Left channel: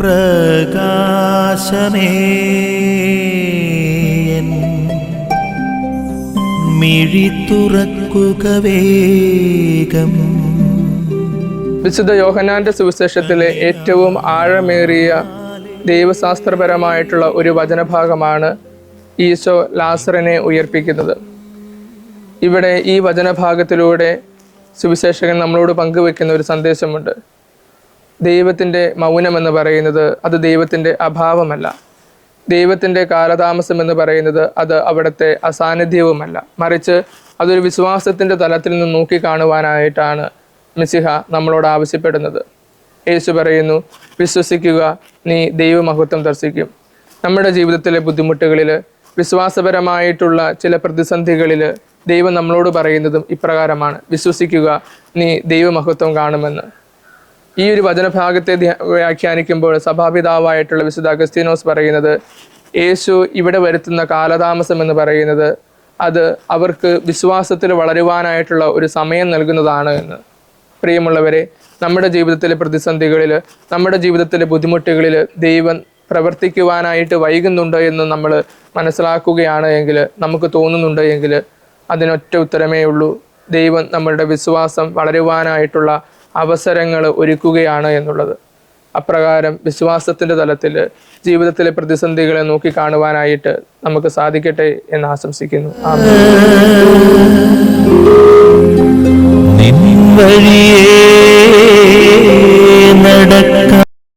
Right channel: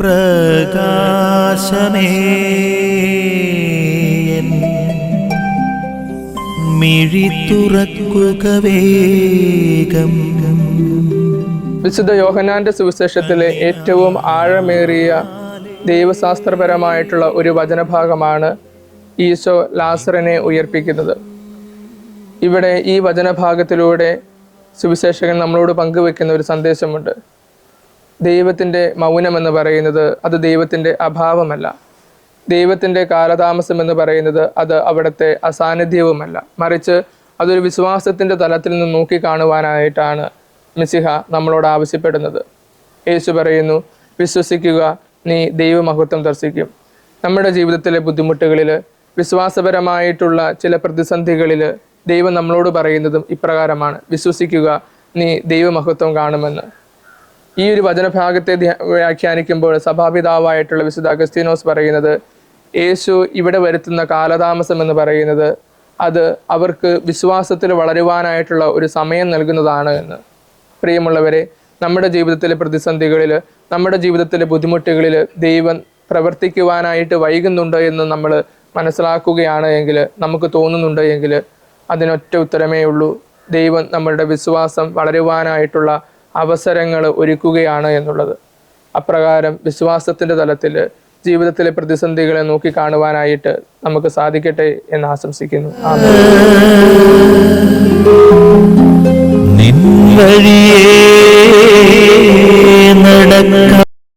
പ്രകാശമേ മിഴി തുറക്കുക വേഗം. വിശുദ്ധ യോഹന്നാന്റെ സുവിശേഷത്തിലെ ഏറ്റവും ആഴമേറിയ ദൈവശാസ്ത്രപരമായിട്ടുള്ള ഒരു വചനഭാഗമാണ് ഈശോ ലാസറിനെ ഉയർപ്പിക്കുന്നത്. ഇവിടെ ഈ വചനഭാഗത്തിലൂടെ സുവിശേഷകൻ നമ്മളോട് പങ്കുവെക്കുന്ന ഒരു സന്ദേശമുണ്ട്. ദൈവത്തിൻ്റെ മൗനമെന്ന് പറയുന്നത് അത് ദൈവത്തിൻ്റെ അഭാവമല്ല. ദൈവത്തിൻ്റെ കാലതാമസം എന്ന് പറയുന്നത് അത് അവിടുത്തെ അസാന്നിധ്യവുമല്ല. മറിച്ച് അതൊരു വിശ്വാസത്തിൻ്റെ തലത്തിൽ നിന്ന് നോക്കിക്കാണുവാനായിട്ടാണ് മിശിഹ നമ്മളോട് ആവശ്യപ്പെടുന്നത്. യേശു പറയുന്നു, വിശ്വസിക്കുക, നീ ദൈവമഹത്വം ദർശിക്കും. നമ്മുടെ ജീവിതത്തിലെ ബുദ്ധിമുട്ടുകളിൽ, വിശ്വാസപരമായിട്ടുള്ള ചില പ്രതിസന്ധികളിൽ ദൈവം നമ്മളോട് പറയുന്നതും ഇപ്രകാരമാണ്: വിശ്വസിക്കുക, നീ ദൈവമഹത്വം കാണുമെന്ന്. ഈ ഒരു വചനഭാഗത്തെ വ്യാഖ്യാനിക്കുമ്പോൾ സഭാപിതാവായിട്ടുള്ള വിശുദ്ധ അഗസ്തീനോസ് പറയുന്നത്, യേശു ഇവിടെ വരുത്തുന്ന കാലതാമസം എന്ന് പറയുന്നത് അത് അവർക്ക് വിശ്വാസത്തിൽ വളരുവാനായിട്ടുള്ള ഒരു സമയം നൽകുന്നതാണ് എന്ന്. പ്രിയമുള്ളവരെ, നമ്മുടെ ജീവിതത്തിലെ പ്രതിസന്ധികളിൽ, നമ്മുടെ ജീവിതത്തിലെ ബുദ്ധിമുട്ടുകളിൽ ദൈവം പ്രവർത്തിക്കുവാനായിട്ട് വൈകുന്നുണ്ടോ എന്ന് നമ്മൾ മനസ്സിലാക്കുകയാണ് എങ്കിൽ, നമുക്ക് തോന്നുന്നുണ്ട് എങ്കിൽ, അതിനൊറ്റ ഉത്തരമേ ഉള്ളൂ: ദൈവം നമ്മളുടെ വിശ്വാസം വളരുവാനായിട്ടുള്ള അവസരങ്ങൾ ഒരുക്കുകയാണ് എന്നുള്ളത്. അപ്രകാരം വിശ്വാസത്തിൻ്റെ തലത്തിൽ ജീവിതത്തിലെ പ്രതിസന്ധികളെ നോക്കിക്കാണുവാനായിട്ട് നമുക്ക് സാധിക്കട്ടെ എന്ന് ആശംസിക്കുന്നു. നിൻ വഴിയേ നടക്കാം.